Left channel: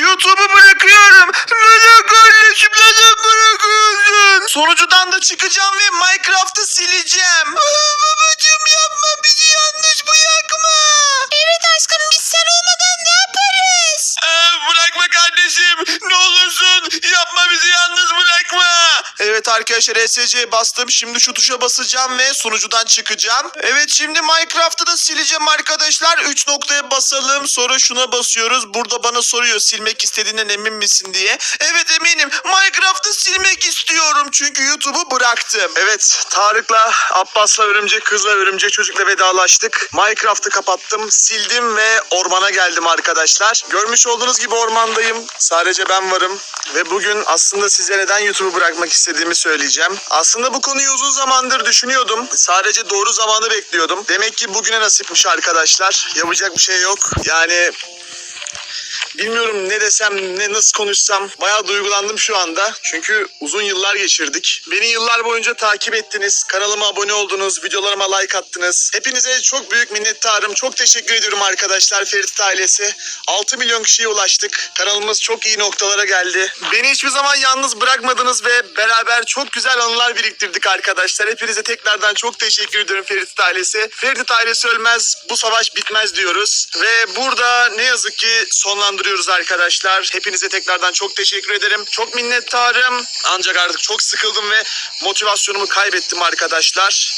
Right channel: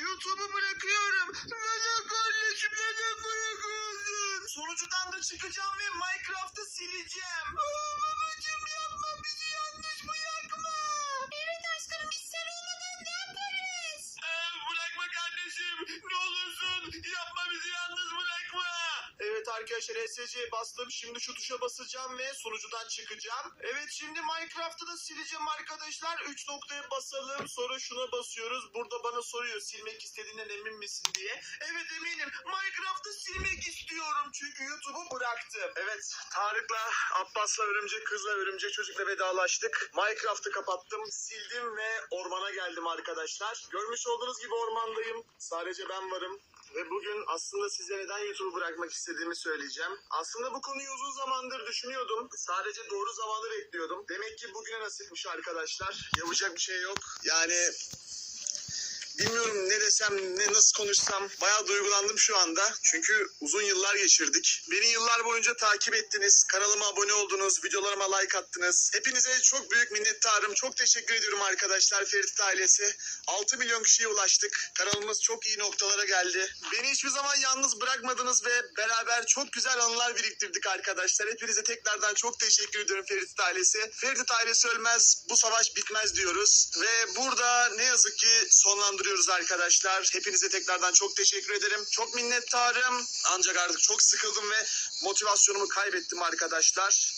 YouTube'u bırakıyorum. Neden kardeşim neden bırakıyorsun? Sonucudan da çıkacağım ve Minecraft'ı sileceğim. arkadaşlar SC'ye bastım. Şimdi şu tuşa basacağım ve sunucudan çıkacağım. Evet şimdi Minecraft'ı da sileceğim arkadaşlar. 3 noktaya basalım. Sonra şuna basıyoruz. Burada bana soruyor silmek istediğinden emin misin diye. Evet eminim. Minecraft'ı silmek istiyorum. Çünkü YouTube'u bıraktım. Evet Tarık'la, Abbas'la, Örümcek Kız'la, Örümcek Çocuk'la vedalaştık. Minecraft'ı kapattım, sildim ve ormana geldim arkadaşlar. Görmüş olduğunuz gibi ormandayım. Sadece ben varım. Ve bugün aslında size neden YouTube'u bırakmak istediğimi söyleyeceğim. Aslında bu konuyu uzun zamandır düşünüyordum. Sadece doğru zamanı bekliyordum. Demek ki bugüne nasipmiş arkadaşlar. Yapacak bir şey yok. Yani Bilmiyorum ne desem, ne nasıl konuşsam. Bayağı duygulandım şu anda. Çünkü uzun yıllar geçirdik. Beni yıllar boyunca takip ettiniz. Kanalıma abone oldunuz, videolarıma like attınız. Hepinize çok büyük minnettarım. Çok teşekkür ediyorum arkadaşlar Ferit ailesi. 6 milyon kişiye ulaştık. Kanalımız çok iyi noktalara geldi. Beni hiçbir zaman yalnız bırakmadınız ve beraber çok güzel anılar biriktirdik arkadaşlar. Hepinize tekrardan çok teşekkür ediyorum Ferit ailesi. Ferit ailesi ölmez, bu savaş bitmez diyoruz. Ve burada ne yazık ki sonlandırıyoruz arkadaşlar. Hepinize tekrardan çok teşekkür ederim. Çok minnettarım. Ancak artık çok sıkıldım ve motivasyonumu kaybettim arkadaşlar.